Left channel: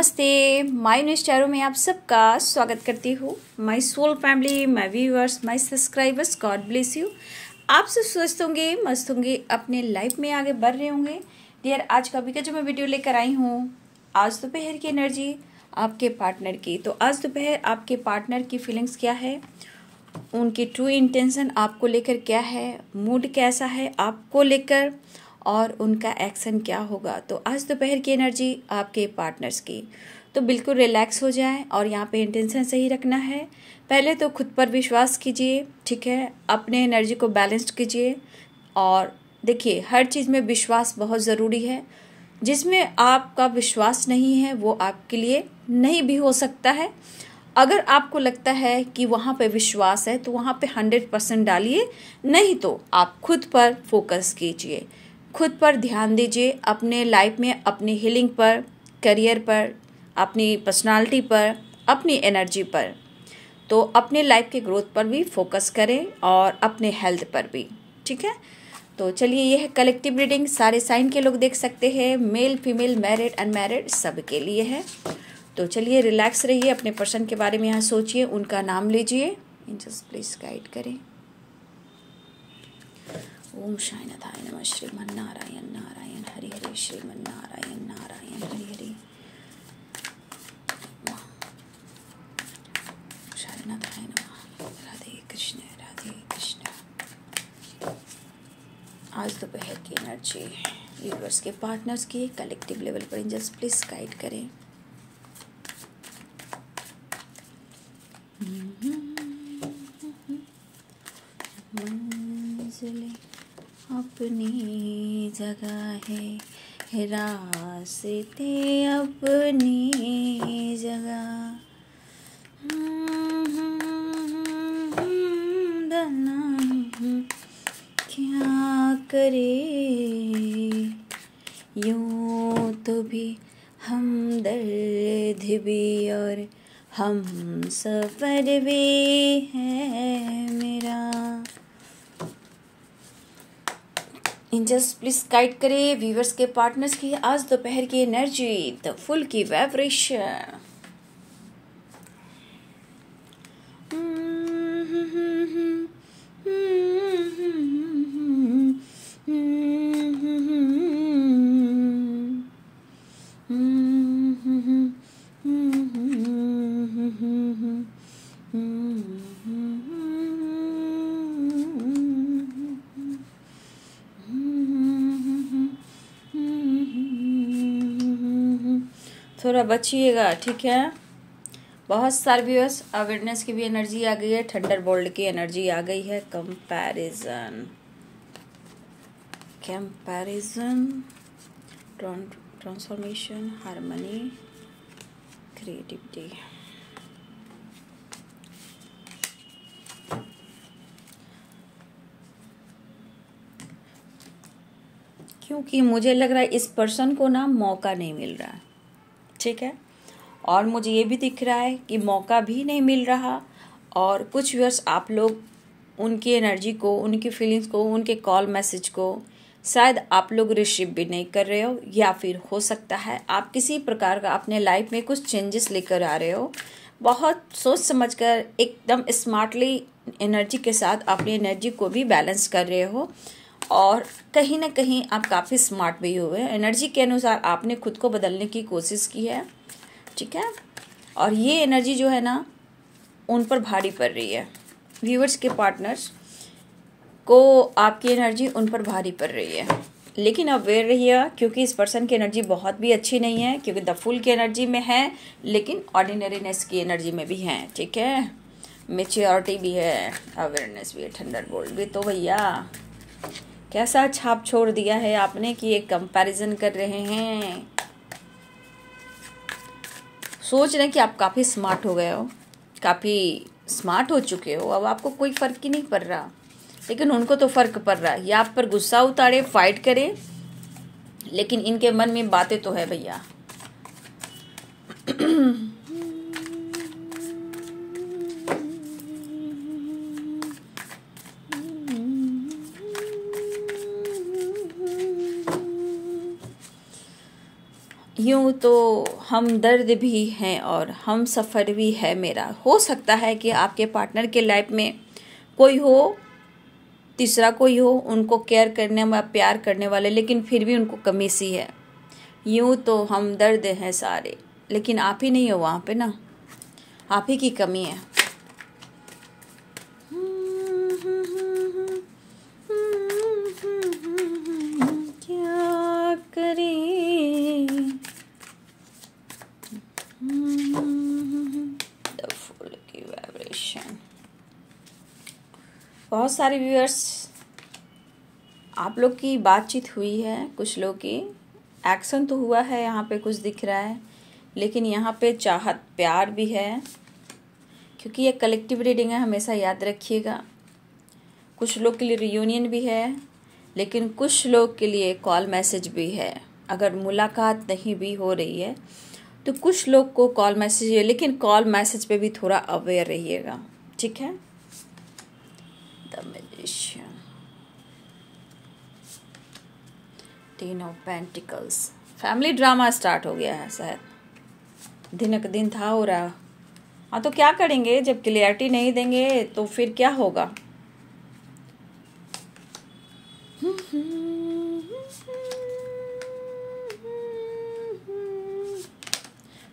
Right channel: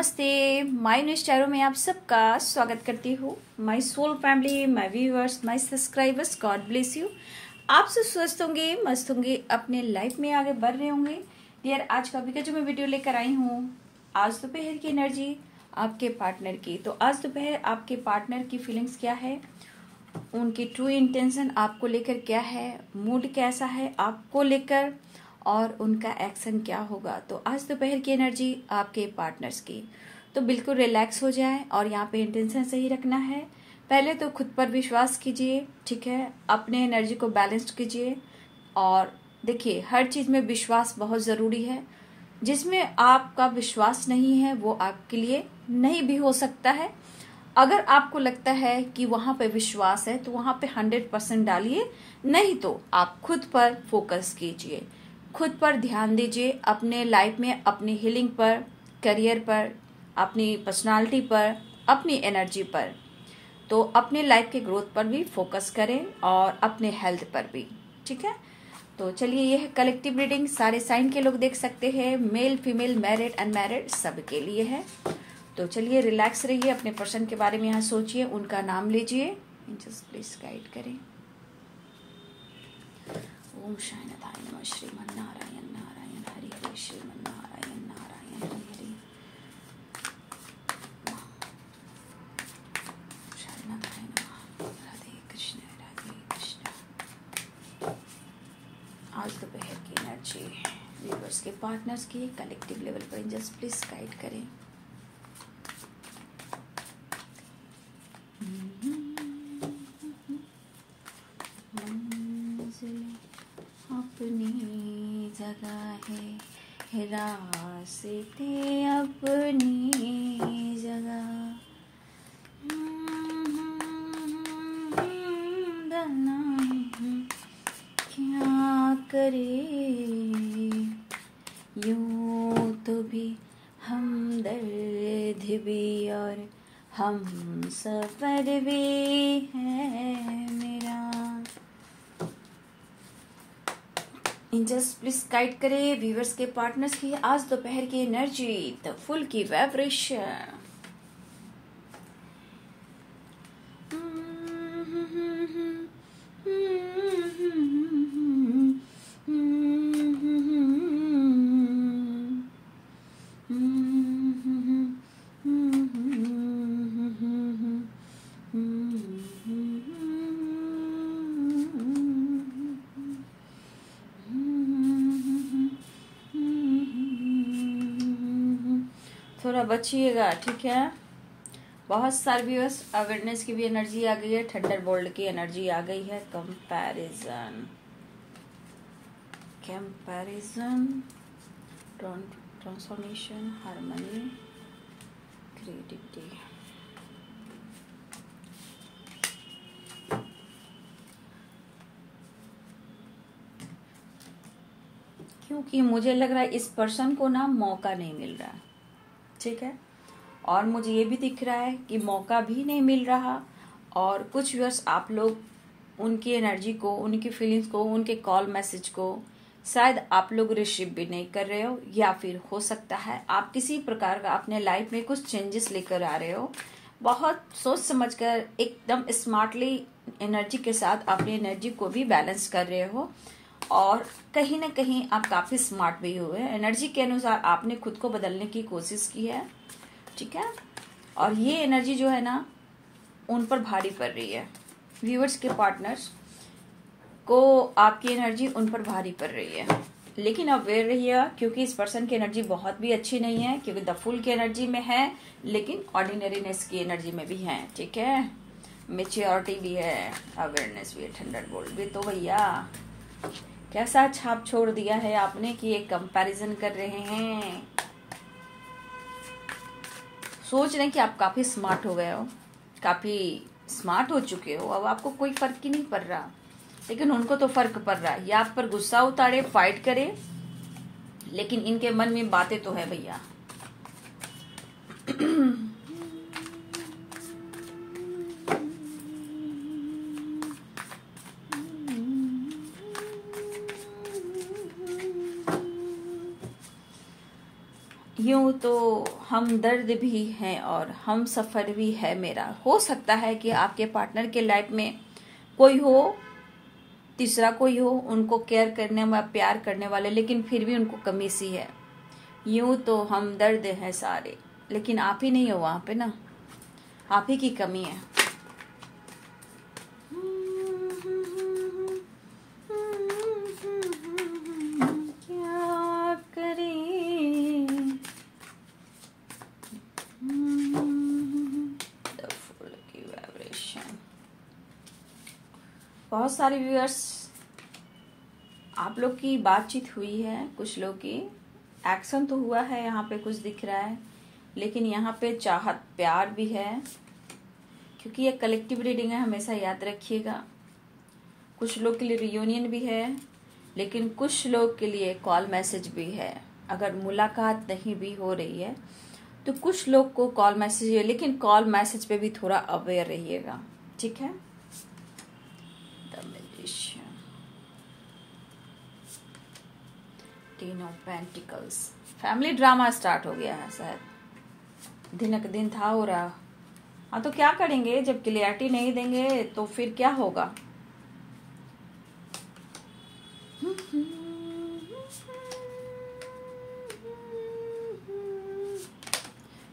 नमस्ते। My news channel में आप सबका स्वागत करती हूँ। My soul family, my viewers, my subscribers, god bless you. आप सब स्वस्थ होंगे, मस्त होंगे, अपने लाइफ में आगे बढ़ रहे होंगे। डियर, आज का भी जो मैं वीडियो लेकर आई हूँ, आज दोपहर की एनर्जी आपके पार्टनर की। तो आज दोपहर आपके पार्टनर की फीलिंग्स क्या है, उनकी ट्रू इंटेंशन आपको लेकर क्या है, मूड कैसा है आपको लेकर, और उनका एक्शन क्या होगा। तो आज दोपहर की एनर्जी आपके पार्टनर्स की। तो बिल्कुल रिलैक्स हो जाए और यहाँ पे इंटेंशन सही रखना है। पहले तो खुद पर विश्वास कीजिए, ठीक है, अपने एनर्जी को बैलेंस्ड कीजिए। और देखिए, हर चीज़ में विश्वास बहुत ज़रूरी है। जिसमें आपका विश्वास नहीं है वो आपके लिए नहीं भी हो सकता है। अगर आपको लगता है कि वहाँ पे विश्वास है तो वहाँ पे 100% डालिए, नहीं तो आप खुद पर फोकस कीजिए, खुद पर ध्यान दीजिए, अपने लाइफ में अपनी हीलिंग पर, करियर पर, अपनी पर्सनालिटी पर, अपनी एनर्जी पर। तो अपने लाइफ के ग्रोथ पर भी फोकस करें और अपने हेल्थ पर भी, ठीक है। तो चलिए, यह कलेक्टिव रीडिंग सारे साइन के लोग देख सकते हैं, मेल फीमेल, मैरिड अनमैरिड, सबके लिए है। तो चलिए, रिलैक्स रहिए, अपने पर्सन के बारे में यहाँ सोचिए, उनका नाम लीजिए, जस्ट प्लीज गाइड करें। ओम शायनदाय नमः, श्रीमन्नारायण नारायण हरि हरि, श्रीमन्नारायण नारायण हरि हरि, शायनदाय नमः। राधे कृष्ण राधे कृष्ण। आज दोपहर की एनर्जी व्यूअर्स के पार्टनर्स की कलेक्टिव लेवल पर एंजल्स प्लीज गाइड करें। अपनी जगह है, रास्ते अपनी जगह, क्या करे यूं तो भी हमदर्द भी और हम सफर भी है मेरा। एंजल्स प्लीज गाइड करें व्यूअर्स के पार्टनर्स की आज दोपहर की एनर्जी, द फुल की वाइब्रेशन। थोड़ा बचिएगा, ठीक है। बहुत सारे व्यूअर्स, अवेयरनेस की भी एनर्जी आ गई है, थंडर बोल्ट की एनर्जी आ गई है। Comparison, transformation, harmony, creativity. क्योंकि मुझे लग रहा है इस पर्सन को ना मौका नहीं मिल रहा, ठीक है। और मुझे ये भी दिख रहा है कि मौका भी नहीं मिल रहा। और कुछ व्यूअर्स, आप लोग उनकी एनर्जी को, उनकी फीलिंग्स को, उनके कॉल मैसेज को शायद आप लोग रिसीव भी नहीं कर रहे हो, या फिर हो सकता है आप किसी प्रकार का अपने लाइफ में कुछ चेंजेस लेकर आ रहे हो। बहुत सोच समझकर, एकदम स्मार्टली एनर्जी के साथ अपनी एनर्जी को भी बैलेंस कर रहे हो। और कहीं ना कहीं आप काफ़ी स्मार्ट भी हुए, एनर्जी के अनुसार आपने खुद को बदलने की कोशिश की है, ठीक है। और ये एनर्जी जो है ना, उन पर भारी पड़ रही है। व्यूअर्स के पार्टनर्स को आपकी एनर्जी उन पर भारी पड़ रही है, लेकिन अवेयर रहिए, क्योंकि इस पर्सन की एनर्जी बहुत भी अच्छी नहीं है। क्योंकि द फुल की एनर्जी में है, लेकिन ऑर्डिनरीनेस की एनर्जी में भी है, ठीक है। मेच्योरिटी भी है, अवेयरनेस भी है, थंडर बोल्ट भी। तो भैया, कैसा छाप छोड़ दिया है आपने कि एक कंपैरिजन कर रहे हैं। सोच रहे हैं कि आप काफ़ी स्मार्ट हो गए हो, काफ़ी स्मार्ट हो चुके हो, अब आपको कोई फर्क ही नहीं पड़ रहा। लेकिन उनको तो फर्क पड़ रहा है। ये आप पर गुस्सा उतारे, फाइट करे, लेकिन इनके मन में बातें तो है भैया। यूं तो हम दर्द भी हैं और हम सफ़र भी है मेरा। हो सकता है कि आपके पार्टनर के लाइफ में कोई हो, तीसरा कोई हो, उनको केयर करने व प्यार करने वाले, लेकिन फिर भी उनको कमी सी है। यूं तो हम दर्द हैं सारे, लेकिन आप ही नहीं हो वहाँ पे ना, आप ही की कमी है। क्या करें, द फुल की वाइब्रेशन। बहुत सारे व्यूअर्स आप लोग की बातचीत हुई है, कुछ लोग की एक्शन तो हुआ है, यहाँ पे कुछ दिख रहा है, लेकिन यहाँ पे चाहत प्यार भी है, क्योंकि ये कलेक्टिव रीडिंग है, हमेशा याद रखिएगा। कुछ लोग के लिए रियूनियन भी है, लेकिन कुछ लोग के लिए कॉल मैसेज भी है। अगर मुलाकात नहीं भी हो रही है तो कुछ लोग को कॉल मैसेज है, लेकिन कॉल मैसेज पे भी थोड़ा अवेयर रहिएगा, ठीक है। The magician, ten of pentacles. Family drama start हो गया है, शायद दिन का दिन था हो रहा। हाँ, तो क्या करेंगे जब क्लियरिटी नहीं देंगे तो फिर क्या होगा।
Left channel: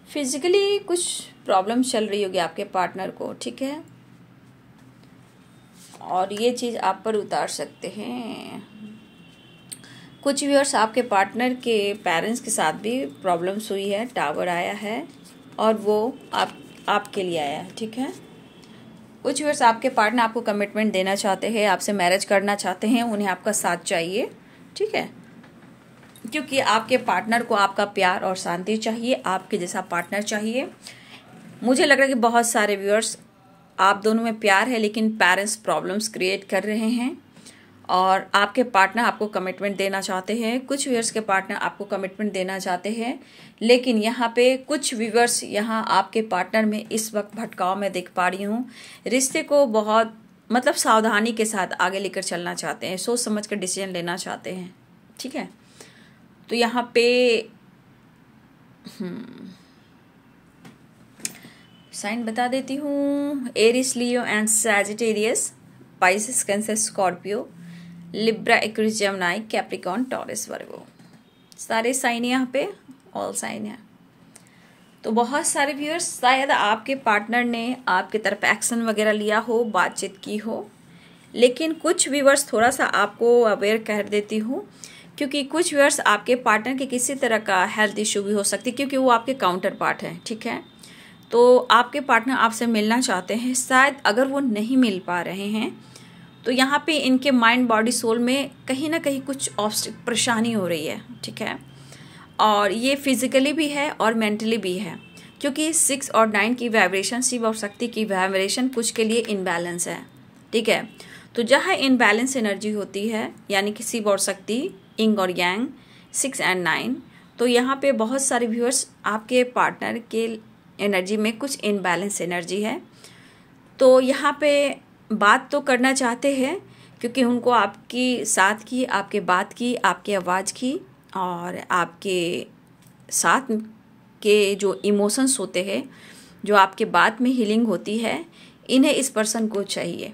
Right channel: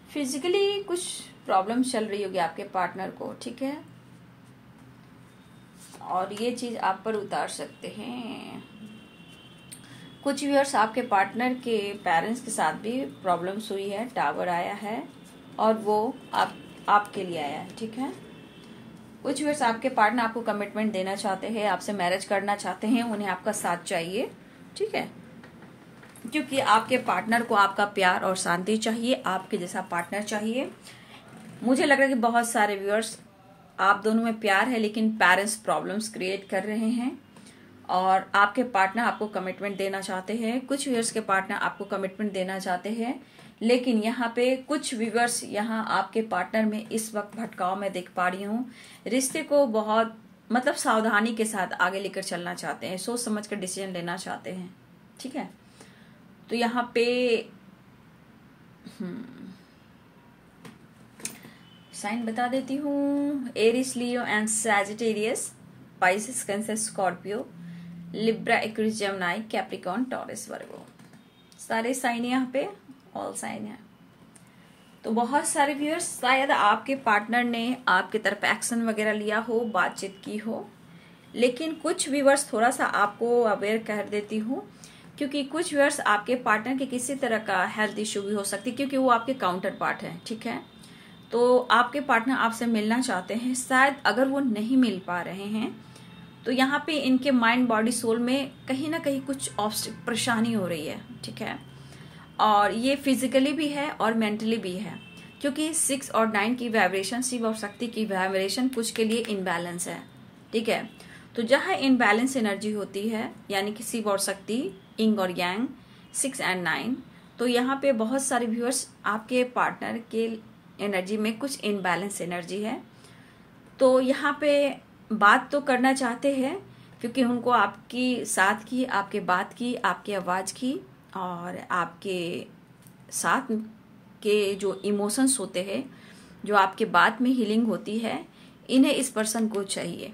फिजिकली कुछ प्रॉब्लम चल रही होगी आपके पार्टनर को, ठीक है, और ये चीज़ आप पर उतार सकते हैं। कुछ व्यूअर्स आपके पार्टनर के पेरेंट्स के साथ भी प्रॉब्लम्स हुई है, टावर आया है और वो आपके लिए आया है, ठीक है। कुछ व्यूअर्स आपके पार्टनर आपको कमिटमेंट देना चाहते हैं, आपसे मैरिज करना चाहते हैं, उन्हें आपका साथ चाहिए, ठीक है, क्योंकि आपके पार्टनर को आपका प्यार और शांति चाहिए, आपके जैसा पार्टनर चाहिए। मुझे लग रहा है कि बहुत सारे व्यूअर्स आप दोनों में प्यार है, लेकिन पेरेंट्स प्रॉब्लम्स क्रिएट कर रहे हैं और आपके पार्टनर आपको कमिटमेंट देना चाहते हैं। कुछ व्यूअर्स के पार्टनर आपको कमिटमेंट देना चाहते हैं, लेकिन यहाँ पे कुछ व्यूअर्स यहाँ आपके पार्टनर में इस वक्त भटकाव में देख पा रही हूँ। रिश्ते को बहुत मतलब सावधानी के साथ आगे लेकर चलना चाहते हैं, सोच समझ कर डिसीजन लेना चाहते हैं, ठीक है। तो यहाँ पे साइन बता देती हूँ। Aries, Leo and Sagittarius, Pisces, Cancer, Scorpio, Libra, Aquarius, Gemini, Capricorn, Taurus, Virgo, सारे साइन यहाँ पे ऑल साइन है। तो बहुत सारे व्यूअर्स शायद आपके पार्टनर ने आपकी तरफ एक्शन वगैरह लिया हो, बातचीत की हो, लेकिन कुछ व्यूअर्स थोड़ा सा आपको अवेयर कर देती हूँ, क्योंकि कुछ व्यूअर्स आपके पार्टनर के किसी तरह का हेल्थ इशू भी हो सकती है, क्योंकि वो आपके काउंटर पार्ट है, ठीक है। तो आपके पार्टनर आपसे मिलना चाहते हैं, शायद अगर वो नहीं मिल पा रहे हैं तो यहाँ पे इनके माइंड, बॉडी, सोल में कहीं ना कहीं कुछ परेशानी हो रही है, ठीक है। और ये फिजिकली भी है और मेंटली भी है, क्योंकि 6 और 9 की वाइब्रेशन, शिव और शक्ति की वाइब्रेशन कुछ के लिए इनबैलेंस है, ठीक है। तो जहाँ इनबैलेंस एनर्जी होती है, यानी कि शिव और शक्ति, इंग और यांग, 6 और 9, तो यहाँ पे बहुत सारे व्यूअर्स आपके पार्टनर के एनर्जी में कुछ इनबैलेंस एनर्जी है। तो यहाँ पे बात तो करना चाहते हैं, क्योंकि उनको आपकी साथ की, आपके बात की, आपकी आवाज़ की और आपके साथ के जो इमोशंस होते हैं, जो आपके बात में हीलिंग होती है, इन्हें इस पर्सन को चाहिए।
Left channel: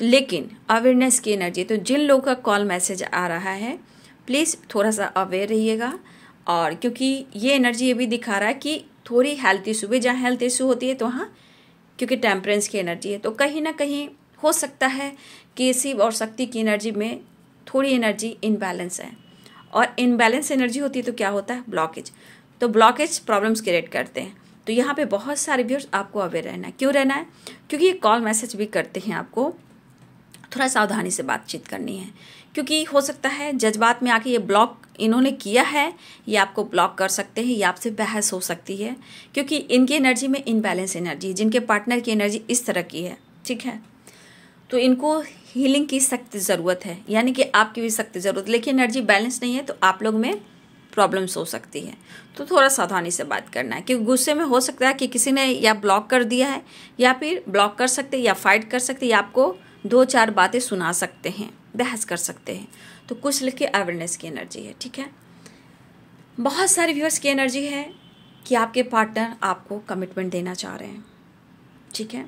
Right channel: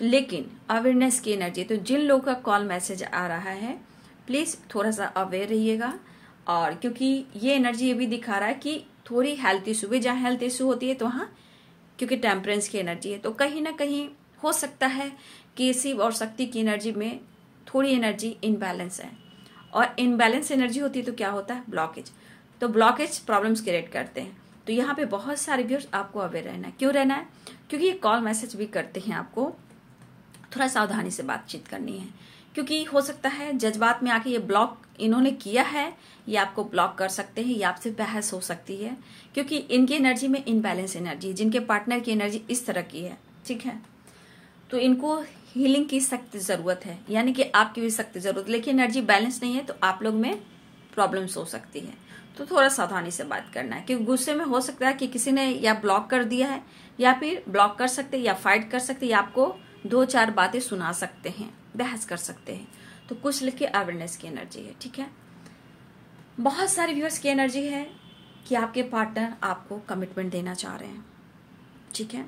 लेकिन अवेयरनेस की एनर्जी, तो जिन लोगों का कॉल मैसेज आ रहा है प्लीज़ थोड़ा सा अवेयर रहिएगा। और क्योंकि ये एनर्जी ये भी दिखा रहा है कि थोड़ी हेल्थ इशू भी, जहाँ हेल्थ इशू होती है तो वहाँ, क्योंकि टेम्परेंस की एनर्जी है, तो कहीं ना कहीं हो सकता है कि शिव और शक्ति की एनर्जी में थोड़ी एनर्जी इनबैलेंस है। और इनबैलेंस एनर्जी होती है तो क्या होता है, ब्लॉकेज। तो ब्लॉकेज प्रॉब्लम्स क्रिएट करते हैं। तो यहाँ पे बहुत सारे व्यूअर्स आपको अवेयर रहना है। क्यों रहना है, क्योंकि ये कॉल मैसेज भी करते हैं, आपको थोड़ा सावधानी से बातचीत करनी है, क्योंकि हो सकता है जज्बात में आके ये ब्लॉक इन्होंने किया है, ये आपको ब्लॉक कर सकते हैं, या आपसे बहस हो सकती है, क्योंकि इनकी एनर्जी में इनबैलेंस एनर्जी है, जिनके पार्टनर की एनर्जी इस तरह की है, ठीक है। तो इनको हीलिंग की सख्त ज़रूरत है, यानी कि आपकी भी सख्त ज़रूरत, लेकिन एनर्जी बैलेंस नहीं है तो आप लोग में प्रॉब्लम्स हो सकती है। तो थोड़ा सावधानी से बात करना है, क्योंकि गुस्से में हो सकता है कि किसी ने या ब्लॉक कर दिया है, या फिर ब्लॉक कर सकते, या फाइट कर सकते, या आपको 2-4 बातें सुना सकते हैं, बहस कर सकते हैं। तो कुछ लिखे अवेयरनेस की एनर्जी है, ठीक है। बहुत सारे व्यूअर्स की एनर्जी है कि आपके पार्टनर आपको कमिटमेंट देना चाह रहे हैं, ठीक है।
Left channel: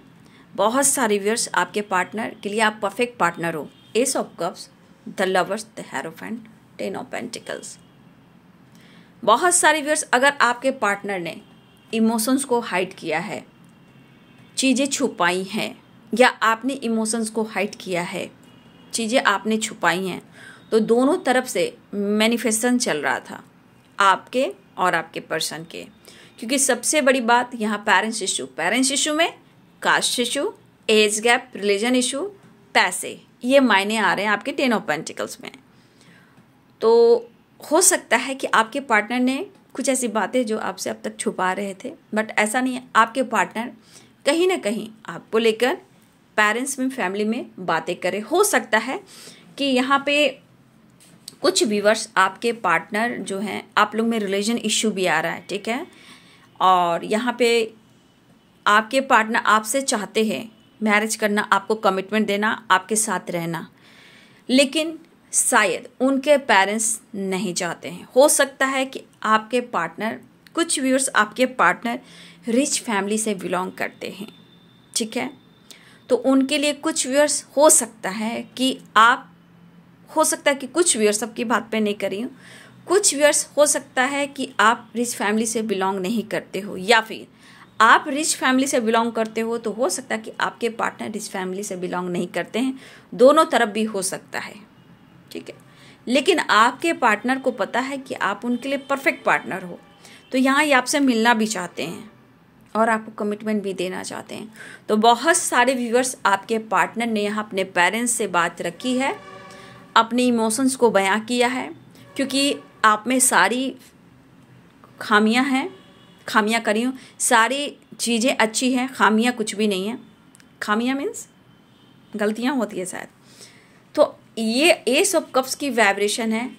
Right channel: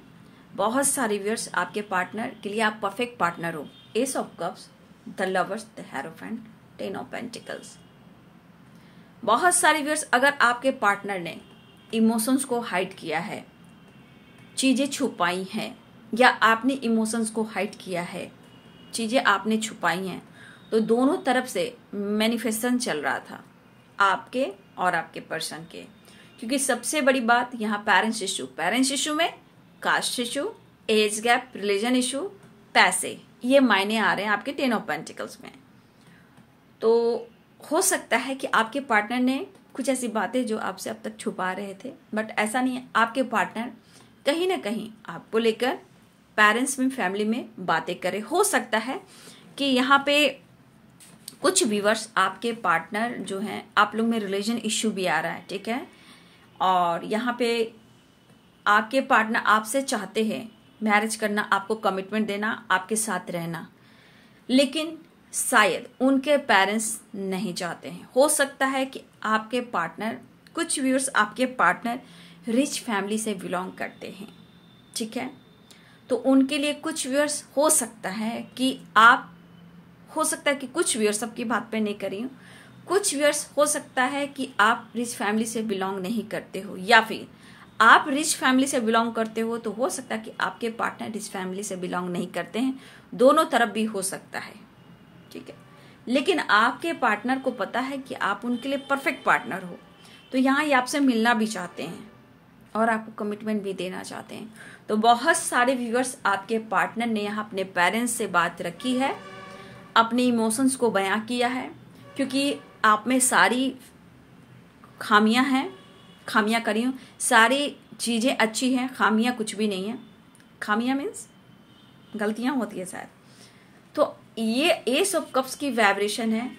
बहुत सारे व्यूअर्स आपके पार्टनर के लिए आप परफेक्ट पार्टनर हो। S of cups, the lovers, the hierophant, 10 of pentacles. बहुत सारे व्यूअर्स, अगर आपके पार्टनर ने इमोशंस को हाइड किया है, चीज़ें छुपाई हैं, या आपने इमोशंस को हाइड किया है, चीज़ें आपने छुपाई हैं, तो दोनों तरफ से मैनिफेस्टेशन चल रहा था आपके और आपके पर्सन के। क्योंकि सबसे बड़ी बात यहाँ पेरेंट्स इशू में caste issue, age gap, religion issue, पैसे, ये मायने आ रहे हैं आपके 10 ऑफ पेंटिकल्स में। तो हो सकता है कि आपके पार्टनर ने कुछ ऐसी बातें जो आपसे अब तक छुपा रहे थे, बट ऐसा नहीं है। आपके पार्टनर कहीं ना कहीं आपको लेकर पेरेंट्स में, फैमिली में बातें करें। हो सकता है कि यहाँ पे कुछ व्यूअर्स, आपके पार्टनर जो हैं, आप लोग में रिलीजन इश्यू भी आ रहा है, ठीक है। और यहाँ पे आपके पार्टनर आपसे चाहते हैं मैरिज करना, आपको कमिटमेंट देना, आपके साथ रहना, लेकिन शायद उनके पेरेंट्स नहीं चाहते हैं। हो सकता है कि आपके पार्टनर, कुछ व्यूअर्स आपके पार्टनर रिच फैमिली से बिलोंग करते हैं, ठीक है। तो उनके लिए कुछ व्यूअर्स हो सकता है कि आप, हो सकता है कि कुछ व्यूअर्स, सबकी बात पे नहीं करी हूँ, कुछ व्यूअर्स हो सकता है कि आप रिच फैमिली से बिलोंग नहीं करते हो, या फिर आप रिच फैमिली से बिलोंग करते हो तो हो सकता है कि आपके पार्टनर रिच फैमिली से बिलोंग नहीं करते हैं। दोनों तरफ भी हो सकता है, ठीक है। लेकिन आपके पार्टनर को पता है कि आप उनके लिए परफेक्ट पार्टनर हो, तो यहाँ ये आपसे मिलना भी चाहते हैं और आपको कमिटमेंट भी देना चाहते हैं। तो बहुत सारे व्यूअर्स, आपके पार्टनर ने यहाँ अपने पेरेंट्स से बात रखी है, अपने इमोशंस को बयां किया है, क्योंकि आप में सारी खामियां हैं, खामियां करी हूँ, सारी चीज़ें अच्छी हैं, खामियां कुछ भी नहीं है। खामियां मीन्स गलतियां होती है शायद। तो ये एस ऑफ कप्स की वाइब्रेशन है।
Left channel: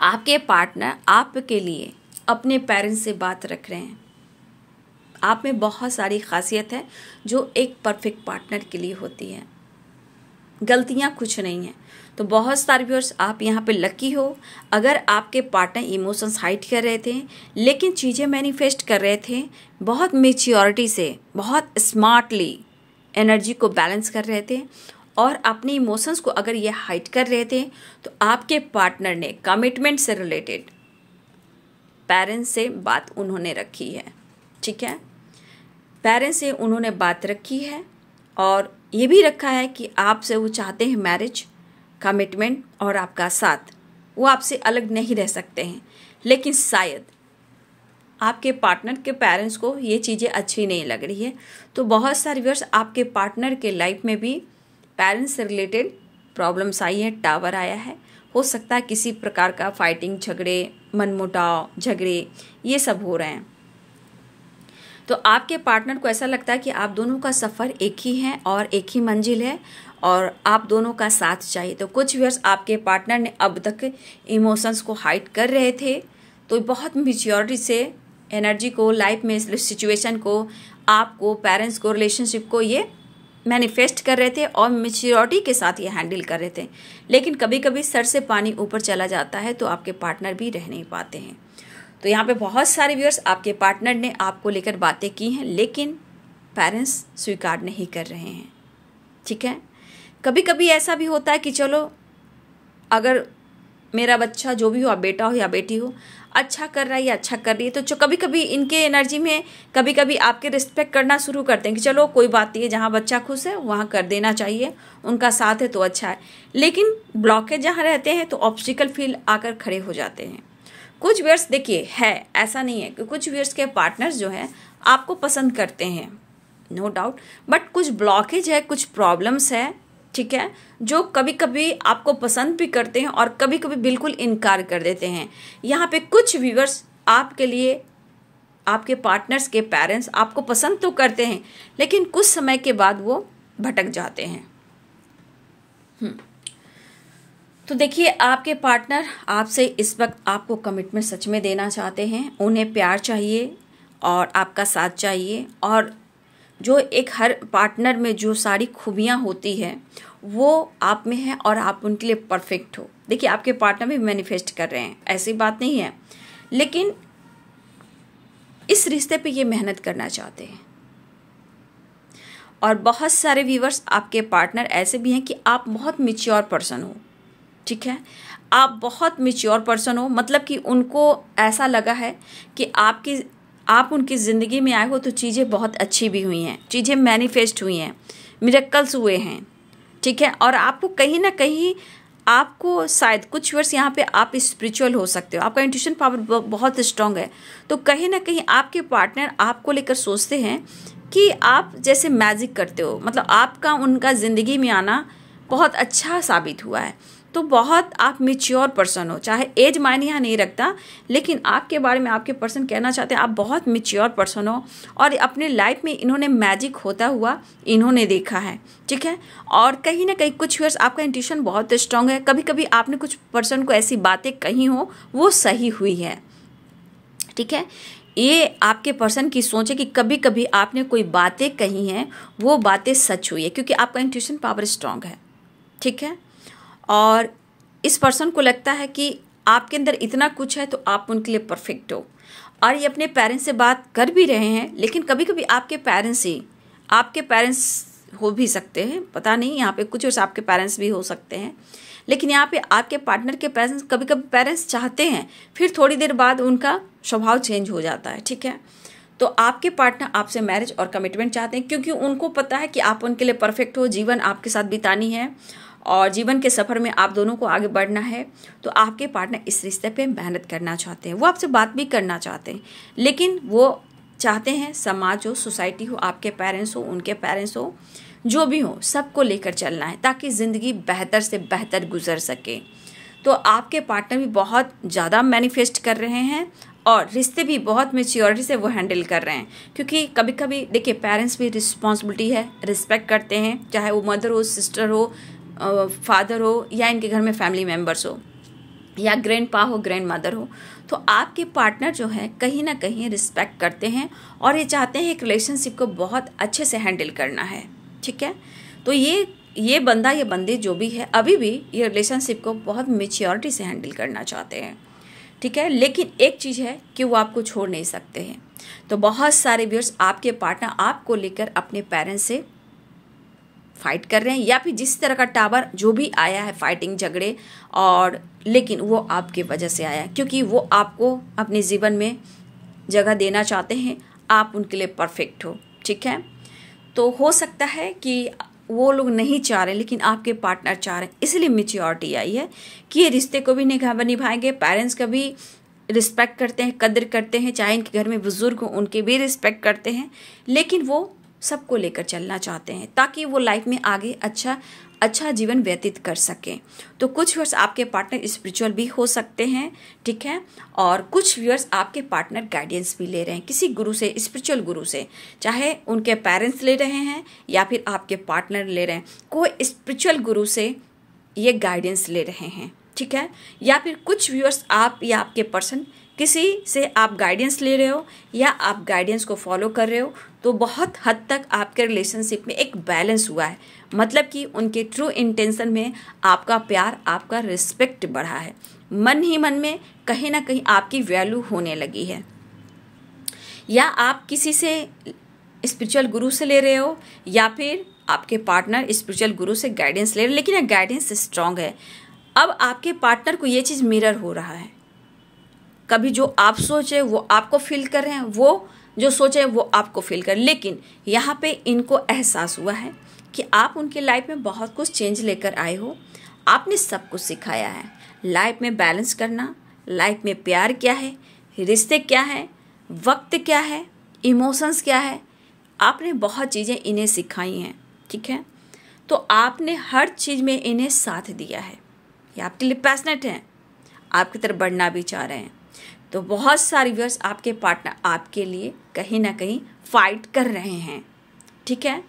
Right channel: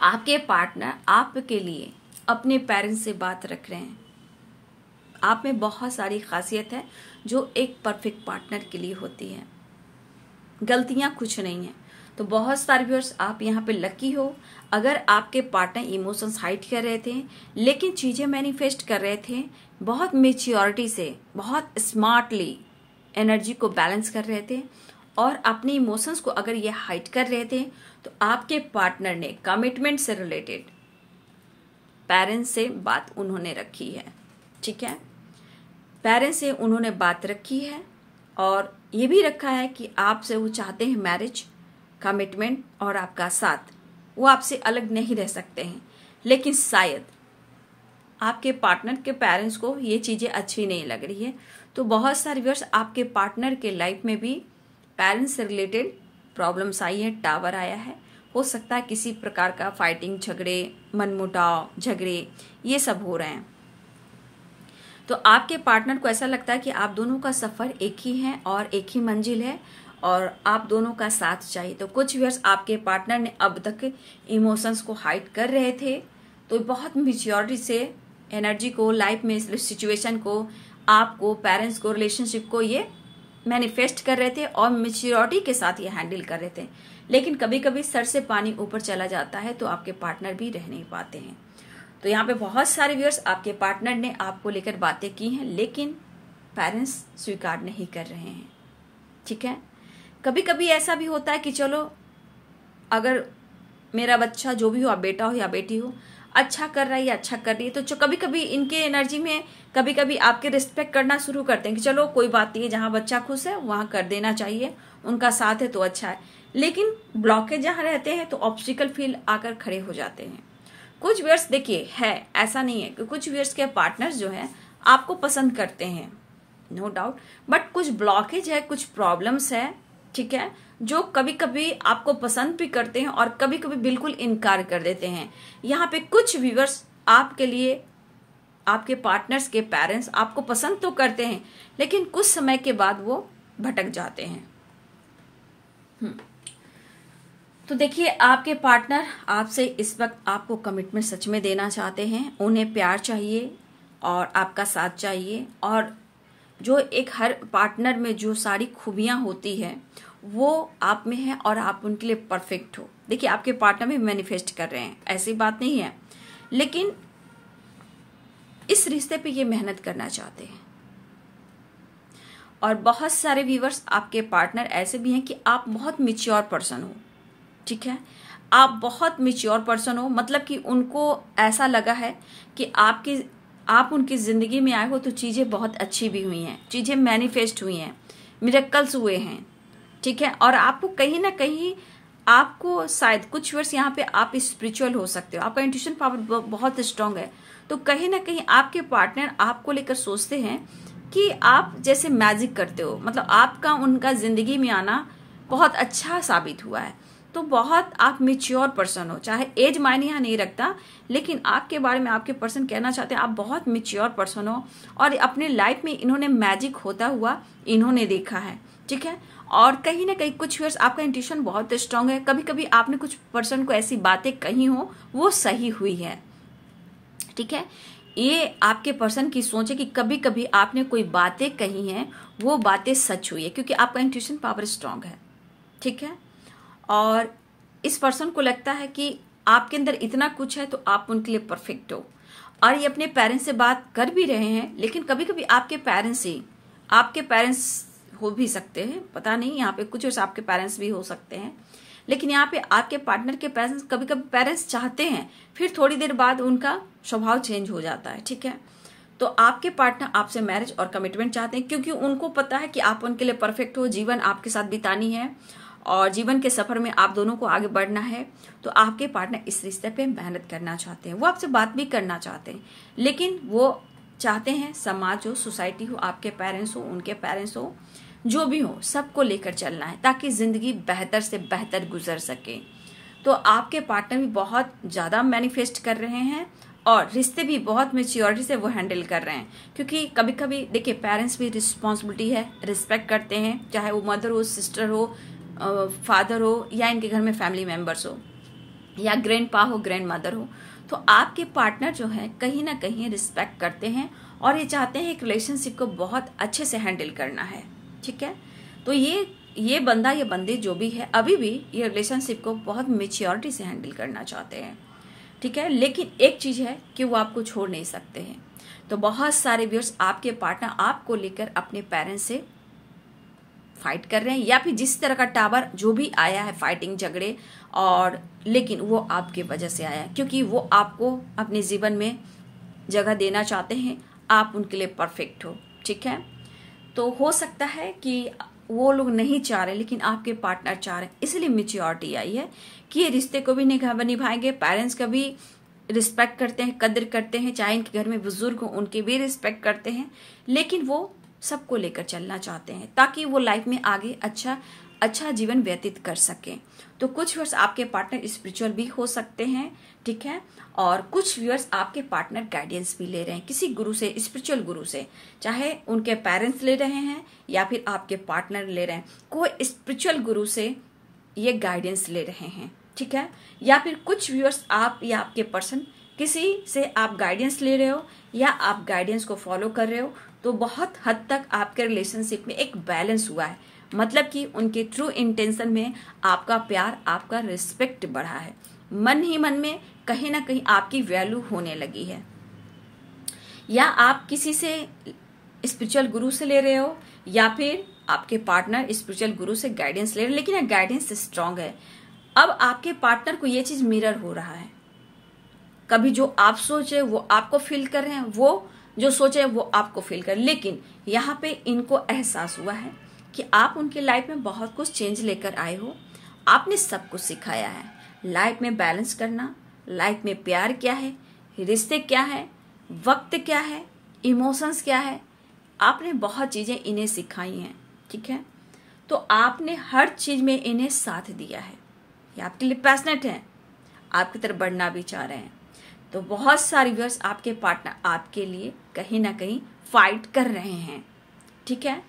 आपके पार्टनर आपके लिए अपने पेरेंट्स से बात रख रहे हैं। आप में बहुत सारी खासियत है जो एक परफेक्ट पार्टनर के लिए होती है, गलतियां कुछ नहीं है। तो बहुत सारे व्यूअर्स, आप यहाँ पे लकी हो। अगर आपके पार्टनर इमोशंस हाइड कर रहे थे, लेकिन चीज़ें मैनिफेस्ट कर रहे थे, बहुत मेच्योरिटी से, बहुत स्मार्टली एनर्जी को बैलेंस कर रहे थे, और अपने इमोशंस को अगर ये हाइड कर रहे थे, तो आपके पार्टनर ने कमिटमेंट से रिलेटेड पेरेंट्स से बात उन्होंने रखी है, ठीक है। पेरेंट्स से उन्होंने बात रखी है और ये भी रखा है कि आपसे वो चाहते हैं मैरिज, कमिटमेंट और आपका साथ। वो आपसे अलग नहीं रह सकते हैं, लेकिन शायद आपके पार्टनर के पेरेंट्स को ये चीज़ें अच्छी नहीं लग रही है। तो बहुत सारे व्यूअर्स, आपके पार्टनर के लाइफ में भी पेरेंट्स से रिलेटेड प्रॉब्लम्स आई है, टावर आया है। हो सकता है किसी प्रकार का फाइटिंग, झगड़े, मनमुटाव, झगड़े, ये सब हो रहे हैं। तो आपके पार्टनर को ऐसा लगता है कि आप दोनों का सफ़र एक ही है और एक ही मंजिल है, और आप दोनों का साथ चाहिए। तो कुछ व्यूअर्स, आपके पार्टनर ने अब तक इमोशंस को हाइड कर रहे थे, तो बहुत मैच्योरिटी से एनर्जी को, लाइफ में सिचुएशन को, आपको, पेरेंट्स को, रिलेशनशिप को ये मैनिफेस्ट कर रहे थे और मैच्योरिटी के साथ ये हैंडल कर रहे थे। लेकिन कभी कभी सर से पानी ऊपर चला जाता है, तो आपके पार्टनर भी रह नहीं पाते हैं। तो यहाँ पे बहुत सारे व्यूअर्स, आपके पार्टनर ने आपको लेकर बातें की हैं, लेकिन पेरेंट्स स्वीकार नहीं कर रहे हैं, ठीक है। कभी कभी ऐसा भी होता है कि चलो, अगर मेरा बच्चा जो भी हो, आप बेटा हो या बेटी हो, अच्छा कर रहा है या अच्छा कर रही है, तो कभी कभी इनके एनर्जी में कभी कभी आपके रिस्पेक्ट करना शुरू करते हैं कि चलो कोई बात नहीं है, जहाँ बच्चा खुश है वहाँ कर देना चाहिए, उनका साथ है तो अच्छा है। लेकिन ब्लॉकेज जहाँ रहते हैं तो ऑब्स्टिकल फील आकर खड़े हो जाते हैं। कुछ व्यूअर्स, देखिए, है ऐसा नहीं है कि कुछ व्यूअर्स के पार्टनर्स जो हैं आपको पसंद करते हैं, नो डाउट, बट कुछ ब्लॉकेज है, कुछ प्रॉब्लम्स है, ठीक है, जो कभी कभी आपको पसंद भी करते हैं और कभी कभी बिल्कुल इनकार कर देते हैं। यहाँ पे कुछ व्यूअर्स आपके लिए, आपके पार्टनर्स के पेरेंट्स आपको पसंद तो करते हैं, लेकिन कुछ समय के बाद वो भटक जाते हैं। तो देखिए, आपके पार्टनर आपसे इस वक्त आपको कमिटमेंट सच में देना चाहते हैं। उन्हें प्यार चाहिए और आपका साथ चाहिए, और जो एक हर पार्टनर में जो सारी खूबियां होती है वो आप में है और आप उनके लिए परफेक्ट हो। देखिए, आपके पार्टनर भी मैनिफेस्ट कर रहे हैं, ऐसी बात नहीं है, लेकिन इस रिश्ते पे ये मेहनत करना चाहते हैं। और बहुत सारे व्यूअर्स, आपके पार्टनर ऐसे भी हैं कि आप बहुत मैच्योर पर्सन हो, ठीक है, आप बहुत मैच्योर पर्सन हो, मतलब कि उनको ऐसा लगा है कि आप उनकी ज़िंदगी में आए हो तो चीज़ें बहुत अच्छी भी हुई हैं, चीज़ें मैनिफेस्ट हुई हैं, मिरेकल्स हुए हैं, ठीक है। और आपको कहीं ना कहीं, आपको शायद कुछ वर्ष यहाँ पे आप स्पिरिचुअल हो सकते हो, आपका इंट्यूशन पावर बहुत स्ट्रांग है, तो कहीं ना कहीं आपके पार्टनर आपको लेकर सोचते हैं कि आप जैसे मैजिक करते हो, मतलब आपका उनका ज़िंदगी में आना बहुत अच्छा साबित हुआ है। तो बहुत आप मैच्योर पर्सन हो, चाहे एज मायने यहाँ नहीं रखता, लेकिन आपके बारे में आपके पर्सन कहना चाहते हैं आप बहुत मैच्योर पर्सन हो, और अपने लाइफ में इन्होंने मैजिक होता हुआ इन्होंने देखा है, ठीक है। और कहीं ना कहीं कुछ वर्ष आपका इंट्यूशन बहुत स्ट्रांग है, कभी कभी आपने कुछ पर्सन को ऐसी बातें कही हो वो सही हुई है, ठीक है। ये आपके पर्सन की सोच है कि कभी कभी आपने कोई बातें कही हैं वो बातें सच हुई है, क्योंकि आपका इंट्यूशन पावर स्ट्रांग है, ठीक है। और इस पर्सन को लगता है कि आपके अंदर इतना कुछ है तो आप उनके लिए परफेक्ट हो, और ये अपने पेरेंट्स से बात कर भी रहे हैं, लेकिन कभी कभी आपके पेरेंट्स हो भी सकते हैं, पता नहीं, यहाँ पे कुछ और आपके पेरेंट्स भी हो सकते हैं, लेकिन यहाँ पे आपके पार्टनर के पेरेंट्स, कभी कभी पेरेंट्स चाहते हैं, फिर थोड़ी देर बाद उनका स्वभाव चेंज हो जाता है, ठीक है। तो आपके पार्टनर आपसे मैरिज और कमिटमेंट चाहते हैं, क्योंकि उनको पता है कि आप उनके लिए परफेक्ट हो, जीवन आपके साथ बितानी है और जीवन के सफर में आप दोनों को आगे बढ़ना है। तो आपके पार्टनर इस रिश्ते पे मेहनत करना चाहते हैं, वो आपसे बात भी करना चाहते हैं, लेकिन वो चाहते हैं समाज हो, सोसाइटी हो, आपके पेरेंट्स हो, उनके पेरेंट्स हो, जो भी हो, सबको लेकर चलना है ताकि ज़िंदगी बेहतर से बेहतर गुजर सके। तो आपके पार्टनर भी बहुत ज़्यादा मैनिफेस्ट कर रहे हैं और रिश्ते भी बहुत मैच्योरिटी से वो हैंडल कर रहे हैं, क्योंकि कभी कभी देखिए पेरेंट्स भी रिस्पॉन्सिबिलिटी है, रिस्पेक्ट करते हैं, चाहे वो मदर हो, सिस्टर हो, फादर हो, या इनके घर में फैमिली मेम्बर्स हो, या ग्रैंडपा हो, ग्रैंड मदर हो। तो आपके पार्टनर जो है कहीं ना कहीं रिस्पेक्ट करते हैं और ये चाहते हैं एक रिलेशनशिप को बहुत अच्छे से हैंडल करना है, ठीक है। तो ये बंदा या बंदी जो भी है, अभी भी ये रिलेशनशिप को बहुत मैच्योरिटी से हैंडल करना चाहते हैं, ठीक है। लेकिन एक चीज़ है कि वो आपको छोड़ नहीं सकते हैं। तो बहुत सारे व्यूअर्स, आपके पार्टनर आपको लेकर अपने पेरेंट्स से फाइट कर रहे हैं, या फिर जिस तरह का टावर जो भी आया है, फाइटिंग, झगड़े, और लेकिन वो आपके वजह से आया है, क्योंकि वो आपको अपने जीवन में जगह देना चाहते हैं, आप उनके लिए परफेक्ट हो, ठीक है। तो हो सकता है कि वो लोग नहीं चाह रहे, लेकिन आपके पार्टनर चाह रहे हैं, इसलिए मैच्योरिटी आई है कि ये रिश्ते को भी निभाएंगे, पेरेंट्स का भी रिस्पेक्ट करते हैं, कदर करते हैं, चाहे इनके घर में बुजुर्ग हो उनके भी रिस्पेक्ट करते हैं, लेकिन वो सबको लेकर चलना चाहते हैं ताकि वो लाइफ में आगे अच्छा जीवन व्यतीत कर सकें। तो कुछ व्यूअर्स आपके पार्टनर स्पिरिचुअल भी हो सकते हैं, ठीक है, और कुछ व्यूअर्स आपके पार्टनर गाइडेंस भी ले रहे हैं किसी गुरु से, स्पिरिचुअल गुरु से, चाहे उनके पेरेंट्स ले रहे हैं या फिर आपके पार्टनर ले रहे हैं, कोई स्पिरिचुअल गुरु से ये गाइडेंस ले रहे हैं, ठीक है। या फिर कुछ व्यूअर्स आप या आपके पर्सन किसी से आप गाइडेंस ले रहे हो या आप गाइडेंस को फॉलो कर रहे हो, तो बहुत हद तक आपके रिलेशनशिप में एक बैलेंस हुआ है, मतलब कि उनके ट्रू इंटेंशन में आपका प्यार, आपका रिस्पेक्ट बढ़ा है, मन ही मन में कहीं ना कहीं आपकी वैल्यू होने लगी है। या आप किसी से स्पिरिचुअल गुरु से ले रहे हो या फिर आपके पार्टनर स्पिरिचुअल गुरु से गाइडेंस ले रहे हो, लेकिन यह गाइडेंस स्ट्रांग है। अब आपके पार्टनर को ये चीज मिरर हो रहा है, कभी जो आप सोचे वो आपको फील कर रहे हैं, वो जो सोचे वो आपको फील कर, लेकिन यहाँ पे इनको एहसास हुआ है कि आप उनके लाइफ में बहुत कुछ चेंज लेकर आए हो, आपने सब कुछ सिखाया है, लाइफ में बैलेंस करना, लाइफ में प्यार क्या है, रिश्ते क्या है, वक्त क्या है, इमोशंस क्या है, आपने बहुत चीज़ें इन्हें सिखाई हैं, ठीक है। तो आपने हर चीज़ में इन्हें साथ दिया है, ये आपके लिए पैशनेट हैं, आपकी तरफ बढ़ना भी चाह रहे हैं। तो बहुत सारे व्यूअर्स आपके पार्टनर आपके लिए कहीं ना कहीं फाइट कर रहे हैं, ठीक है,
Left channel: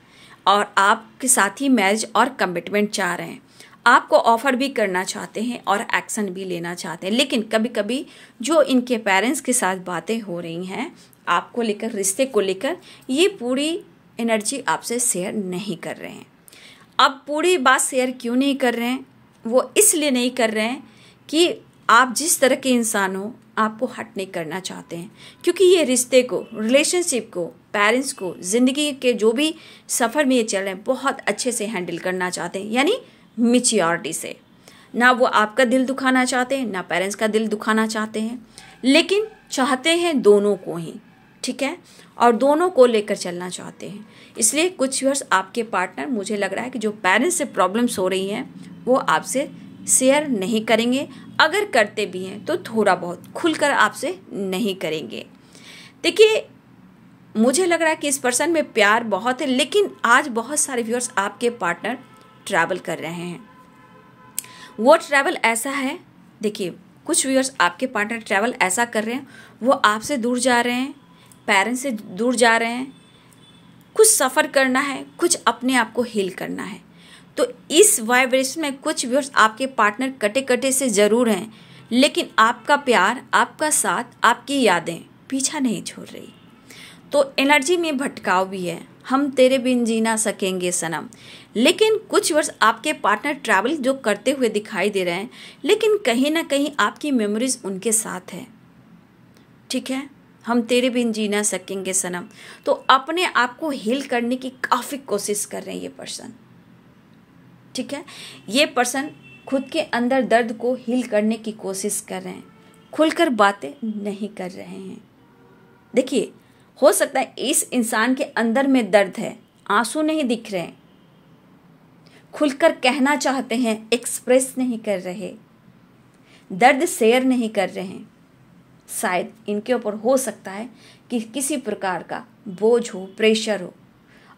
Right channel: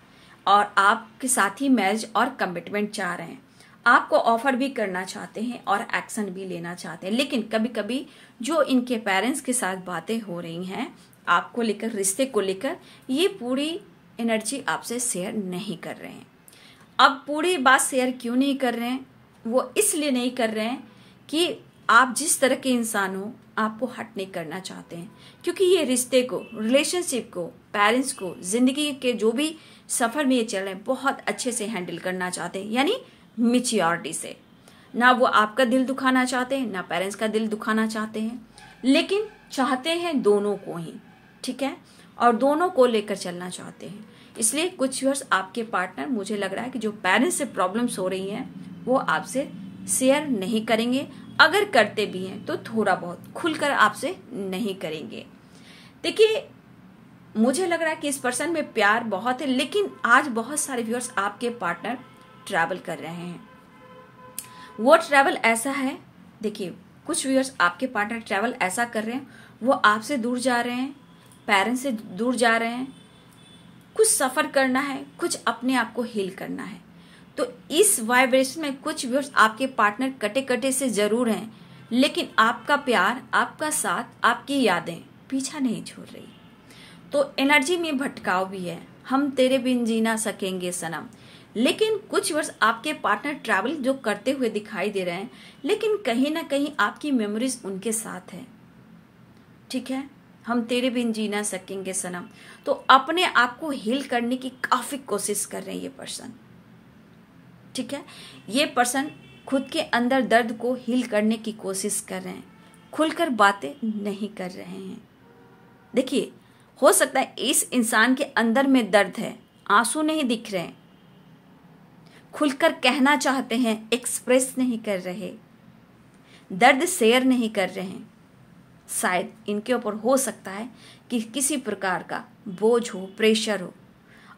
और आपके साथ ही मैरिज और कमिटमेंट चाह रहे हैं, आपको ऑफर भी करना चाहते हैं और एक्शन भी लेना चाहते हैं, लेकिन कभी कभी जो इनके पेरेंट्स के साथ बातें हो रही हैं आपको लेकर, रिश्ते को लेकर, ये पूरी एनर्जी आपसे शेयर नहीं कर रहे हैं। अब पूरी बात शेयर क्यों नहीं कर रहे हैं, वो इसलिए नहीं कर रहे हैं कि आप जिस तरह के इंसान हो आपको हर्ट नहीं करना चाहते हैं, क्योंकि ये रिश्ते को, रिलेशनशिप को, पेरेंट्स को, जिंदगी के जो भी सफर में ये चल रहे हैं बहुत अच्छे से हैंडल करना चाहते हैं, यानी मैच्योरिटी से। ना वो आपका दिल दुखाना चाहते हैं, ना पेरेंट्स का दिल दुखाना चाहते हैं, लेकिन चाहते हैं दोनों को ही, ठीक है, और दोनों को लेकर चलना चाहते हैं। इसलिए कुछ वर्ष आपके पार्टनर, मुझे लग रहा है कि जो पेरेंट्स से प्रॉब्लम्स हो रही हैं वो आपसे शेयर नहीं करेंगे, अगर करते भी हैं तो थोड़ा बहुत खुलकर आपसे नहीं करेंगे। देखिए, मुझे लग रहा है कि इस पर्सन में प्यार बहुत है, लेकिन आज बहुत सारे व्यूअर्स आपके पार्टनर ट्रैवल कर रहे हैं। वो ट्रैवल ऐसा है, देखिए कुछ व्यूअर्स आपके पार्टनर ट्रैवल ऐसा कर रहे हैं, वो आपसे दूर जा रहे हैं, पेरेंट्स से दूर जा रहे हैं, कुछ सफ़र करना है, कुछ अपने आप को हील करना है। तो इस वाइब्रेशन में कुछ व्यूअर्स आपके पार्टनर कटे कटे से ज़रूर हैं, लेकिन आपका प्यार, आपका साथ, आपकी यादें पीछा नहीं छोड़ रही। तो एनर्जी में भटकाव भी है, हम तेरे बिन जी ना सकेंगे सनम। लेकिन कुछ वर्ष आपके पार्टनर ट्रैवल जो करते हुए दिखाई दे रहे हैं, लेकिन कहीं ना कहीं आपकी मेमोरीज उनके साथ है, ठीक है, हम तेरे बिन जी ना सकेंगे सनम। तो अपने आप को हील करने की काफ़ी कोशिश कर रहे हैं ये पर्सन, ठीक है। ये पर्सन खुद के अंदर दर्द को हील करने की कोशिश कर रहे हैं, खुलकर बातें नहीं कर रहे हैं। देखिए, हो सकता है इस इंसान के अंदर में दर्द है, आंसू नहीं दिख रहे हैं, खुलकर कहना चाहते हैं, एक्सप्रेस नहीं कर रहे, दर्द शेयर नहीं कर रहे हैं। शायद इनके ऊपर हो सकता है कि किसी प्रकार का बोझ हो, प्रेशर हो,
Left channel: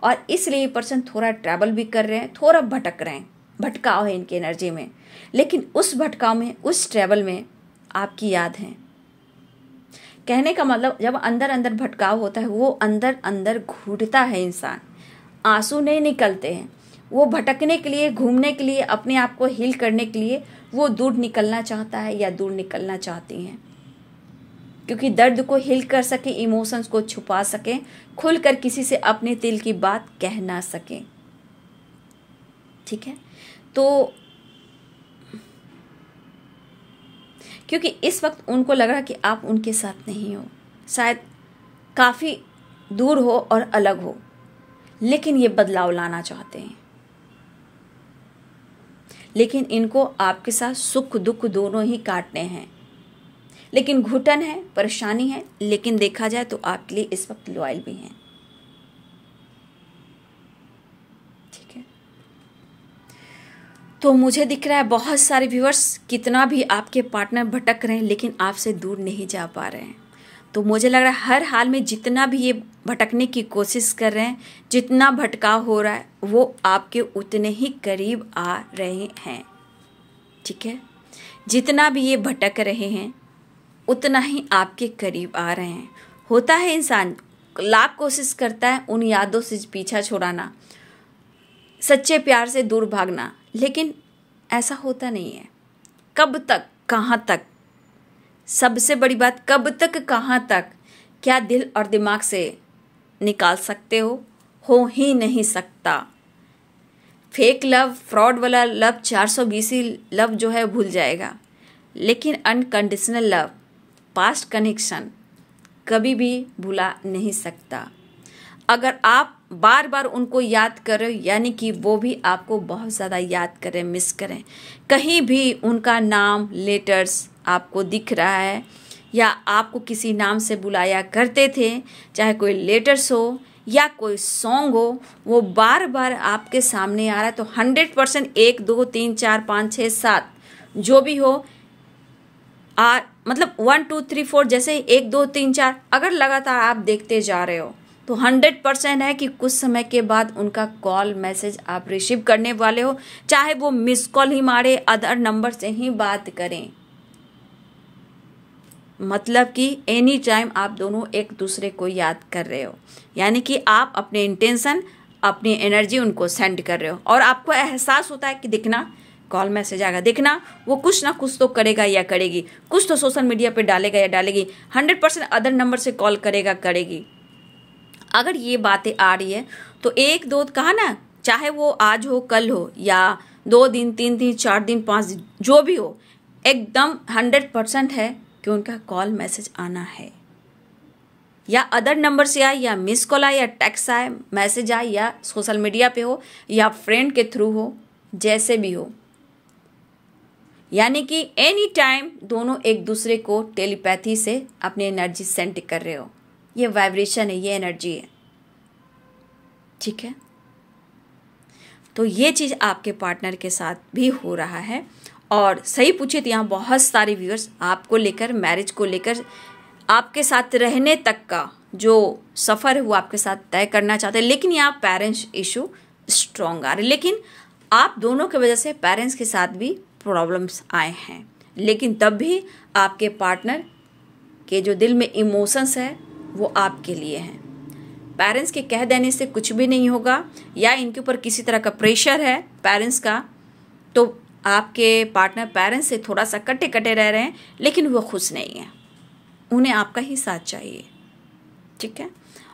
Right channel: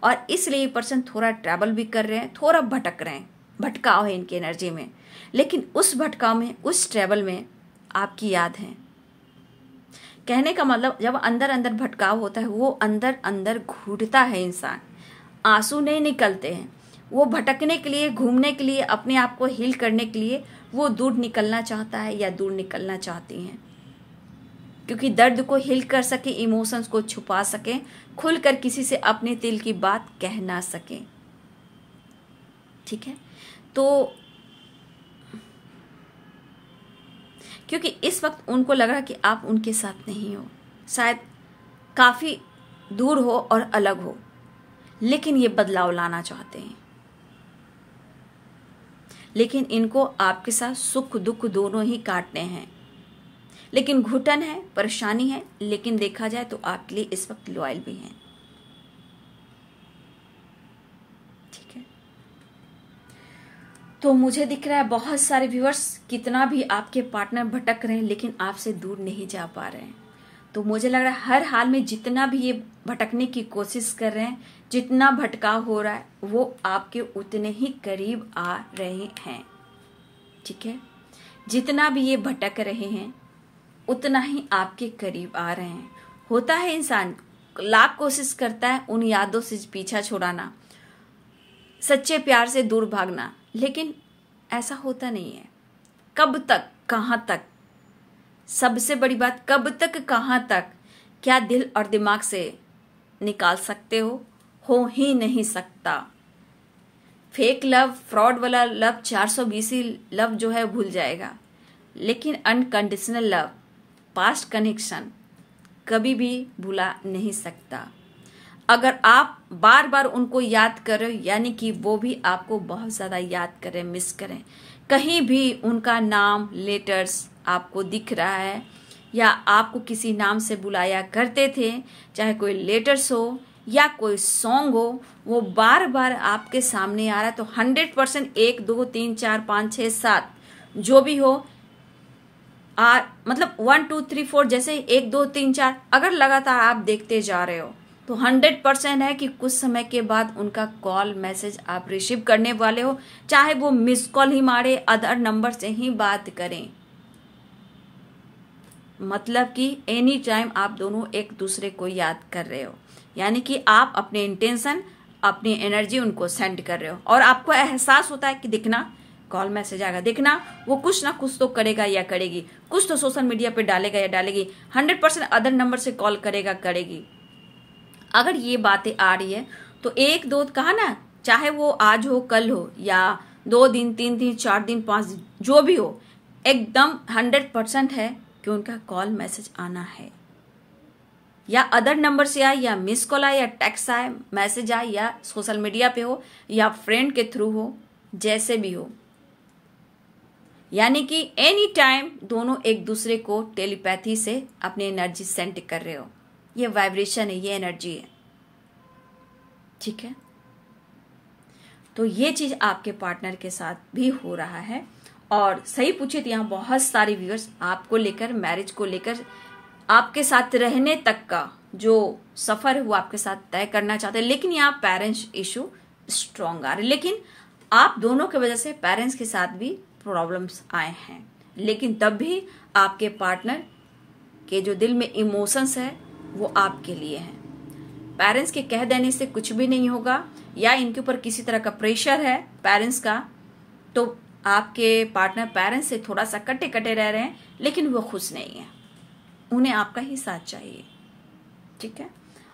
और इसलिए ये पर्सन थोड़ा ट्रैवल भी कर रहे हैं, थोड़ा भटक रहे हैं, भटकाव है इनकी एनर्जी में। लेकिन उस भटकाव में, उस ट्रैवल में आपकी याद है। कहने का मतलब, जब अंदर अंदर भटकाव होता है, वो अंदर अंदर घुटता है इंसान, आंसू नहीं निकलते हैं। वो भटकने के लिए, घूमने के लिए, अपने आप को हील करने के लिए वो दूर निकलना चाहता है या दूर निकलना चाहती हैं, क्योंकि दर्द को हील कर सके, इमोशंस को छुपा सके, खुलकर किसी से अपने दिल की बात कह ना सके, ठीक है। तो क्योंकि इस वक्त उनको लग रहा है कि आप उनके साथ नहीं हो, शायद काफी दूर हो और अलग हो, लेकिन ये बदलाव लाना चाहते हैं। लेकिन इनको आपके साथ सुख दुख दोनों ही काटने हैं, लेकिन घुटन है, परेशानी है, लेकिन देखा जाए तो आपके लिए इस वक्त लॉयल भी हैं, ठीक है। तो मुझे दिख रहा है बहुत सारे व्यूअर्स, कितना भी आपके पार्टनर भटक रहे हैं लेकिन आपसे दूर नहीं जा पा रहे हैं। तो मुझे लग रहा है हर हाल में जितना भी ये भटकने की कोशिश कर रहे हैं, जितना भटकाव हो रहा है, वो आपके उतने ही करीब आ रहे हैं, ठीक है। जितना भी ये भटक रहे हैं उतना ही आपके करीब आ रहे हैं। होता है इंसान लाख कोशिश करता है उन यादों से पीछा छुड़ाना, सच्चे प्यार से दूर भागना, लेकिन ऐसा होता नहीं है। कब तक, कहाँ तक, सबसे बड़ी बात, कब तक कहाँ तक, क्या दिल और दिमाग से निकाल सकते हो ही नहीं सकता। फेक लव, फ्रॉड वाला लव, 420 लव जो है भूल जाएगा, लेकिन अनकंडीशनल लव, पास्ट कनेक्शन कभी भी भुला नहीं सकता। अगर आप बार बार उनको याद करें, यानी कि वो भी आपको बहुत ज़्यादा याद करें, मिस करें, कहीं भी उनका नाम, लेटर्स आपको दिख रहा है, या आपको किसी नाम से बुलाया करते थे, चाहे कोई लेटर्स हो या कोई सॉन्ग हो, वो बार बार आपके सामने आ रहा है, तो 100% 1 2 3 4 5 6 7 जो भी हो, मतलब 1 2 3 4 जैसे 1 2 3 4 अगर लगातार आप देखते जा रहे हो, तो 100% है कि कुछ समय के बाद उनका कॉल, मैसेज आप रिसीव करने वाले हो, चाहे वो मिस कॉल ही मारे, अदर नंबर से ही बात करें। मतलब कि एनी टाइम आप दोनों एक दूसरे को याद कर रहे हो, यानी कि आप अपने इंटेंशन, अपनी एनर्जी उनको सेंड कर रहे हो, और आपको एहसास होता है कि देखना कॉल मैसेज आएगा, देखना वो कुछ ना कुछ तो करेगा या करेगी, कुछ तो सोशल मीडिया पे डालेगा या डालेगी, 100% अदर नंबर से कॉल करेगा, करेगी। अगर ये बातें आ रही है तो 1 2 कहा ना, चाहे वो आज हो, कल हो, या 2 दिन, 3 दिन, 4 दिन, 5 दिन, जो भी हो, एकदम 100% है कि उनका कॉल मैसेज आना है, या अदर नंबर से आए, या मिस कॉल आए, या टेक्स्ट आए, मैसेज आए, या सोशल मीडिया पे हो, या फ्रेंड के थ्रू हो, जैसे भी हो। यानी कि एनी टाइम दोनों एक दूसरे को टेलीपैथी से अपनी एनर्जी सेंड कर रहे हो। ये वाइब्रेशन है, ये एनर्जी है, ठीक है। तो ये चीज आपके पार्टनर के साथ भी हो रहा है। और सही पूछे तो यहाँ बहुत सारे व्यूअर्स आपको लेकर, मैरिज को लेकर, आपके साथ रहने तक का जो सफर है वो आपके साथ तय करना चाहते हैं, लेकिन यहाँ पेरेंट्स इशू स्ट्रॉन्ग आ रहे, लेकिन आप दोनों की वजह से पेरेंट्स के साथ भी प्रॉब्लम्स आए हैं। लेकिन तब भी आपके पार्टनर के जो दिल में इमोशंस है वो आपके लिए हैं। पेरेंट्स के कह देने से कुछ भी नहीं होगा, या इनके ऊपर किसी तरह का प्रेशर है पेरेंट्स का, तो आपके पार्टनर पेरेंट्स से थोड़ा सा कटे कटे रह रहे हैं, लेकिन वो खुश नहीं है, उन्हें आपका ही साथ चाहिए, ठीक है।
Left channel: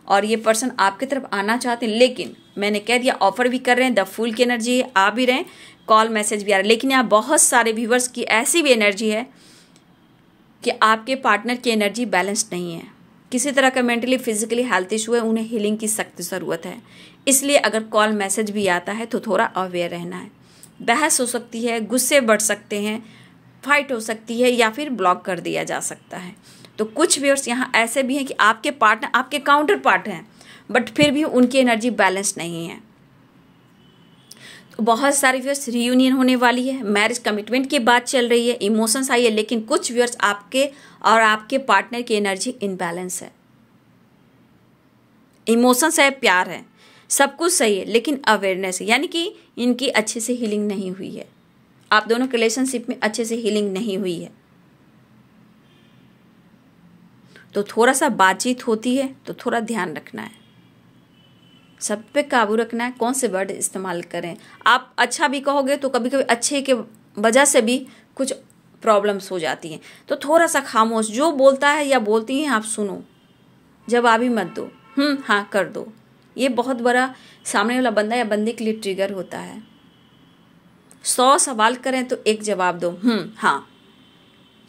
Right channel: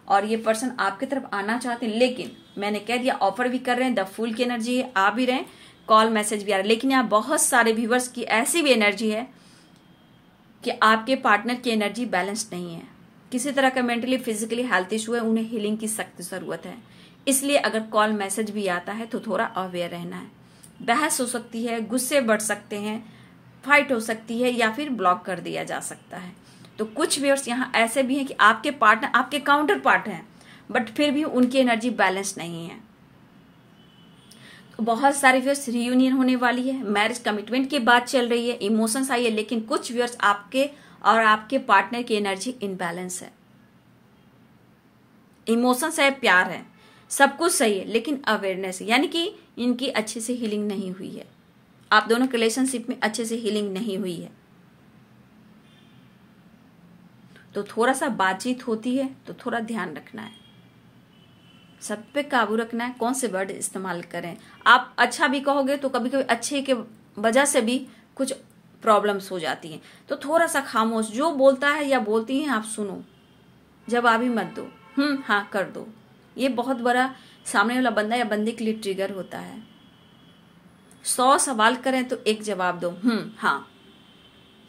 और ये पर्सन आपकी तरफ आना चाहते हैं, लेकिन मैंने कह दिया ऑफर भी कर रहे हैं, द फूल की एनर्जी आ भी रहे हैं, कॉल मैसेज भी आ रहा है। लेकिन यहाँ बहुत सारे व्यूवर्स की ऐसी भी एनर्जी है कि आपके पार्टनर की एनर्जी बैलेंस्ड नहीं है, किसी तरह का मेंटली फिजिकली हेल्थ इशू है, उन्हें हीलिंग की सख्त जरूरत है। इसलिए अगर कॉल मैसेज भी आता है तो थोड़ा अवेयर रहना है। बहस हो सकती है, गुस्से बढ़ सकते हैं, फाइट हो सकती है, या फिर ब्लॉक कर दिया जा सकता है। तो कुछ व्यूअर्स यहाँ ऐसे भी हैं कि आपके पार्टनर आपके काउंटर पार्ट हैं, बट फिर भी उनकी एनर्जी बैलेंस नहीं है। तो बहुत सारे व्यूअर्स रियूनियन होने वाली है, मैरिज कमिटमेंट की बात चल रही है, इमोशंस आई है, लेकिन कुछ व्यूअर्स आपके और आपके पार्टनर की एनर्जी इनबैलेंस है। इमोशंस है, प्यार है, सब कुछ सही है, लेकिन अवेयरनेस है, यानी कि इनकी अच्छे से हीलिंग नहीं हुई है, आप दोनों के रिलेशनशिप में अच्छे से हीलिंग नहीं हुई है। तो थोड़ा सा बातचीत होती है तो थोड़ा ध्यान रखना है, सब पे काबू रखना है, कौन से वर्ड इस्तेमाल करें। आप अच्छा भी कहोगे तो कभी कभी अच्छे के वजह से भी कुछ प्रॉब्लम्स हो जाती हैं। तो थोड़ा सा खामोश, जो बोलता है या बोलती हैं आप सुनो, जवाब ही मत दो, हाँ कर दो। ये बहुत बड़ा सामने वाला बंदा या बंदे के लिए ट्रिगर होता है। 100 सवाल करें तो एक जवाब दो, हाँ।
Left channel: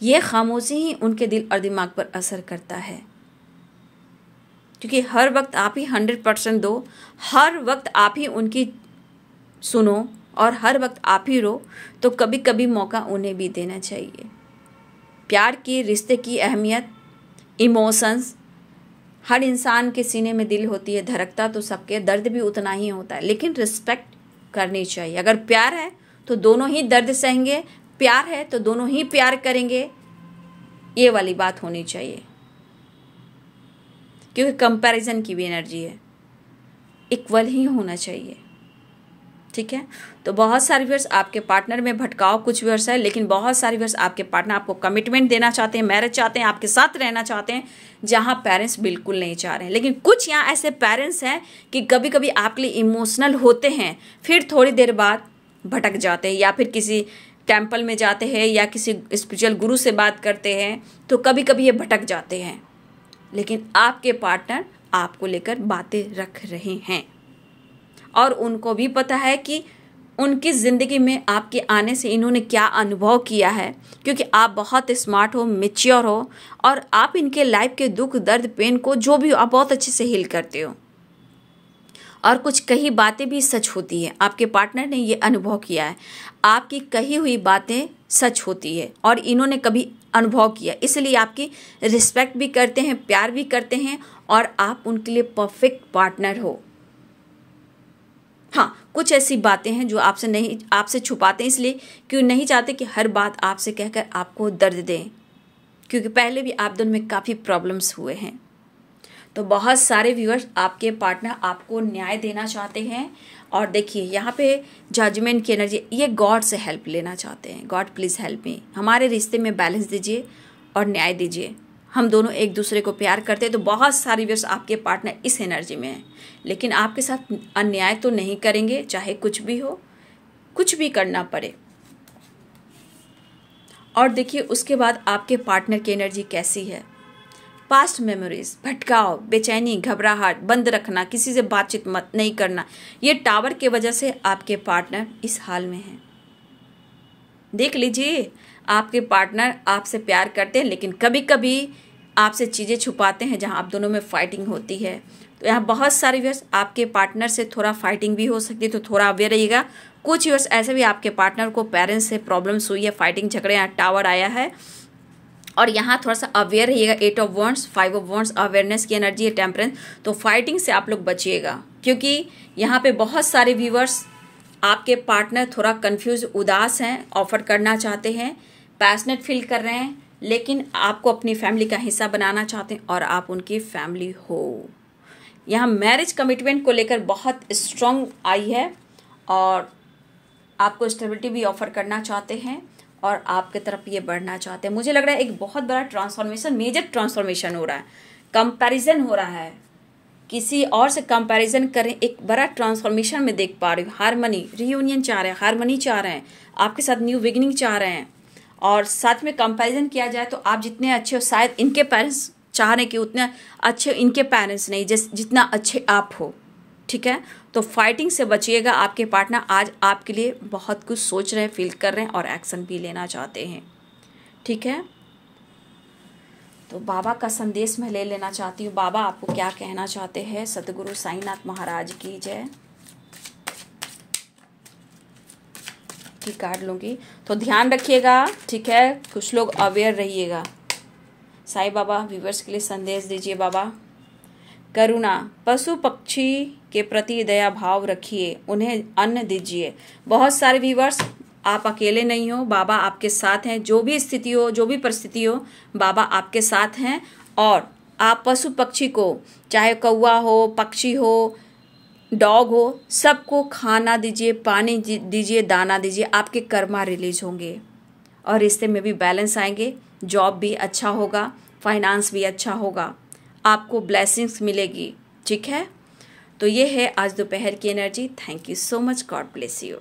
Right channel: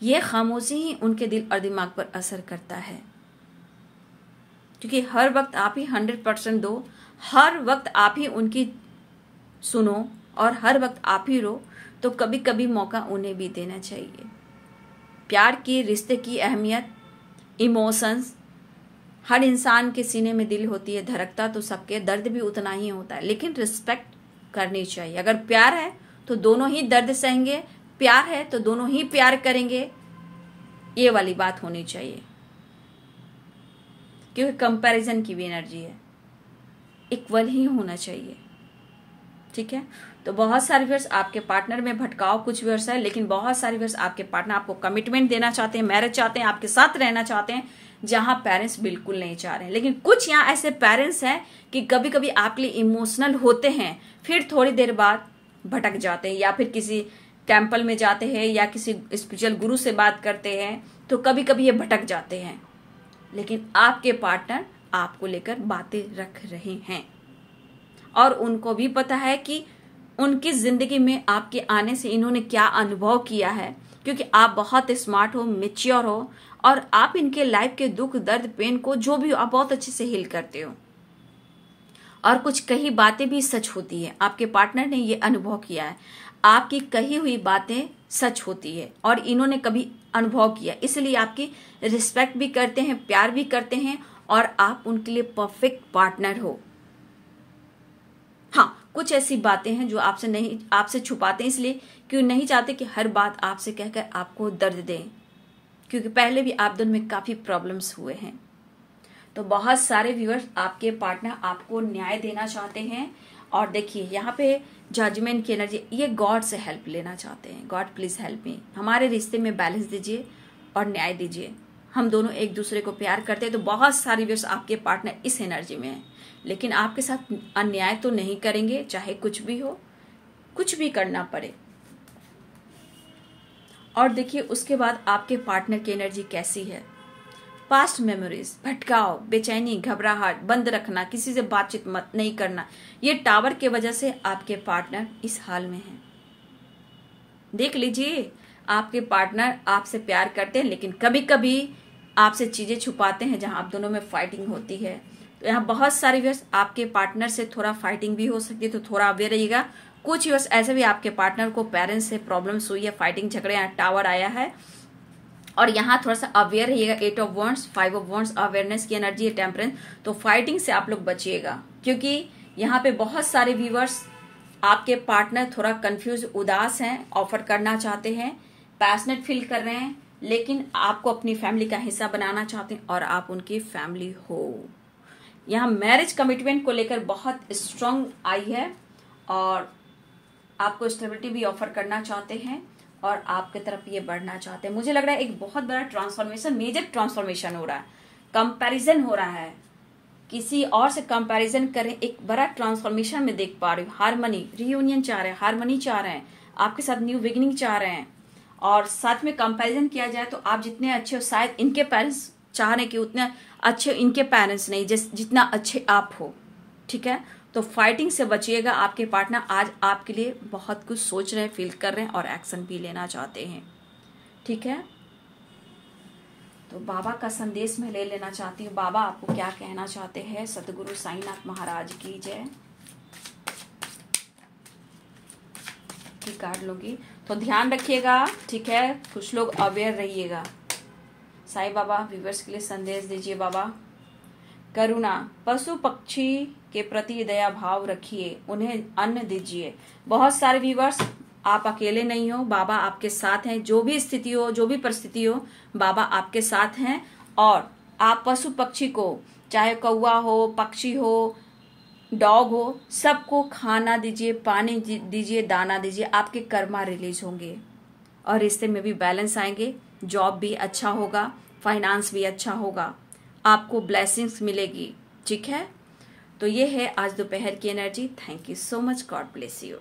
ये खामोशी ही उनके दिल और दिमाग पर असर करता है, क्योंकि हर वक्त आप ही 100% दो, हर वक्त आप ही उनकी सुनो और हर वक्त आप ही रो, तो कभी कभी मौका उन्हें भी देना चाहिए। प्यार की, रिश्ते की अहमियत, इमोशंस, हर इंसान के सीने में दिल होती है, धड़कता तो सबके, दर्द भी उतना ही होता है, लेकिन रिस्पेक्ट करनी चाहिए। अगर प्यार है तो दोनों ही दर्द सहेंगे, प्यार है तो दोनों ही प्यार करेंगे, ये वाली बात होनी चाहिए। क्योंकि कंपैरिजन की भी एनर्जी है, इक्वल ही होना चाहिए, ठीक है। तो बहुत सारे व्यूअर्स आपके पार्टनर में भटकाव कुछ व्यूअर्स है, लेकिन बहुत सारे व्यूअर्स आपके पार्टनर आपको कमिटमेंट देना चाहते हैं, मैरिज चाहते हैं, आपके साथ रहना चाहते हैं, जहां पेरेंट्स बिल्कुल नहीं चाह रहे हैं। लेकिन कुछ यहाँ ऐसे पेरेंट्स हैं कि कभी कभी आपके लिए इमोशनल होते हैं, फिर थोड़ी देर बाद भटक जाते हैं, या फिर किसी टेम्पल में जाते हैं या किसी स्पिरिचुअल गुरु से बात करते हैं, तो कभी कभी ये भटक जाते हैं। लेकिन आपके पार्टनर आपको लेकर बातें रख रहे हैं, और उनको भी पता है कि उनकी जिंदगी में आपके आने से इन्होंने क्या अनुभव किया है, क्योंकि आप बहुत स्मार्ट हो, मैच्योर हो, और आप इनके लाइफ के दुख दर्द पेन को जो भी आप बहुत अच्छे से हील करते हो। और कुछ कही बातें भी सच होती है, आपके पार्टनर ने ये अनुभव किया है, आपकी कही हुई बातें सच होती है और इन्होंने कभी अनुभव किया, इसलिए आपकी रिस्पेक्ट भी करते हैं, प्यार भी करते हैं, और आप उनके लिए परफेक्ट पार्टनर हो। हाँ, कुछ ऐसी बातें हैं जो आपसे छुपाते हैं, इसलिए क्यों नहीं चाहते कि हर बात आपसे कहकर आपको दर्द दें, क्योंकि पहले भी आप दोनों में काफी प्रॉब्लम्स हुए हैं। तो बहुत सारे व्यूअर्स आपके पार्टनर आपको न्याय देना चाहते हैं, और देखिए यहाँ पे जजमेंट की एनर्जी, ये गॉड से हेल्प लेना चाहते हैं। गॉड प्लीज हेल्प मी, हमारे रिश्ते में बैलेंस दीजिए और न्याय दीजिए, हम दोनों एक दूसरे को प्यार करते हैं। तो बहुत सारे व्यूअर्स आपके पार्टनर इस एनर्जी में हैं, लेकिन आपके साथ अन्याय तो नहीं करेंगे, चाहे कुछ भी हो, कुछ भी करना पड़े। और देखिए उसके बाद आपके पार्टनर की एनर्जी कैसी है। पास्ट मेमोरीज, भटकाव, बेचैनी, घबराहट, बंद रखना, किसी से बातचीत मत नहीं करना, ये टावर के वजह से आपके पार्टनर इस हाल में हैं। देख लीजिए, आपके पार्टनर आपसे प्यार करते हैं, लेकिन कभी कभी आपसे चीज़ें छुपाते हैं जहां आप दोनों में फाइटिंग होती है। तो यहाँ बहुत सारे व्यूअर्स आपके पार्टनर से थोड़ा फाइटिंग भी हो सकती है, तो थोड़ा अवेयर रहिएगा। कुछ व्यूअर्स ऐसे भी आपके पार्टनर को पेरेंट्स से प्रॉब्लम्स हुई है, फाइटिंग झगड़े, यहाँ टावर आया है, और यहाँ थोड़ा सा अवेयर रहिएगा। 8 of wands, 5 of wands, awareness की एनर्जी है, टेम्परेंस। तो फाइटिंग से आप लोग बचिएगा, क्योंकि यहाँ पे बहुत सारे व्यूअर्स आपके पार्टनर थोड़ा कंफ्यूज, उदास हैं, ऑफर करना चाहते हैं, पैशनेट फील कर रहे हैं, लेकिन आपको अपनी फैमिली का हिस्सा बनाना चाहते हैं और आप उनकी फैमिली हो। यहाँ मैरिज कमिटमेंट को लेकर बहुत स्ट्रांग आई है और आपको स्टेबिलिटी भी ऑफर करना चाहते हैं और आपके तरफ ये बढ़ना चाहते हैं। मुझे लग रहा है एक बहुत बड़ा ट्रांसफॉर्मेशन, मेजर ट्रांसफॉर्मेशन हो रहा है, कंपैरिजन हो रहा है, किसी और से कंपैरिजन करें, एक बड़ा ट्रांसफॉर्मेशन में देख पा रही हूँ। हारमनी, रियूनियन चाह रहे हैं, हारमनी चाह रहे हैं, आपके साथ न्यू बिगिनिंग चाह रहे हैं, और साथ में कंपैरिजन किया जाए तो आप जितने अच्छे हो, शायद इनके पेरेंट्स चाह रहे हैं कि उतने अच्छे इनके पेरेंट्स नहीं, जितना अच्छे आप हो। ठीक है, तो फाइटिंग से बचिएगा। आपके पार्टनर आज आपके लिए बहुत कुछ सोच रहे हैं, फील कर रहे हैं और एक्शन भी लेना चाहते हैं। ठीक है, तो बाबा का संदेश मैं ले लेना चाहती हूँ। बाबा आपको क्या कहना चाहते हैं? सतगुरु साईनाथ महाराज की जय। की कार्ड लूंगी, तो ध्यान रखिएगा। ठीक है, कुछ लोग अवेयर रहिएगा। साईं बाबा व्यूअर्स के लिए संदेश दीजिए। बाबा, करुणा, पशु पक्षी के प्रति दया भाव रखिए, उन्हें अन्न दीजिए। बहुत सारे व्यूअर्स, आप अकेले नहीं हो, बाबा आपके साथ हैं। जो भी स्थिति हो, जो भी परिस्थिति हो, बाबा आपके साथ हैं। और आप पशु पक्षी को, चाहे कौवा हो, पक्षी हो, डॉग हो, सबको खाना दीजिए, पानी दीजिए, दाना दीजिए। आपके कर्मा रिलीज होंगे और रिश्ते में भी बैलेंस आएंगे, जॉब भी अच्छा होगा, फाइनेंस भी अच्छा होगा, आपको ब्लेसिंग्स मिलेगी। ठीक है, तो ये है आज दोपहर की energy. Thank you so much, God bless you.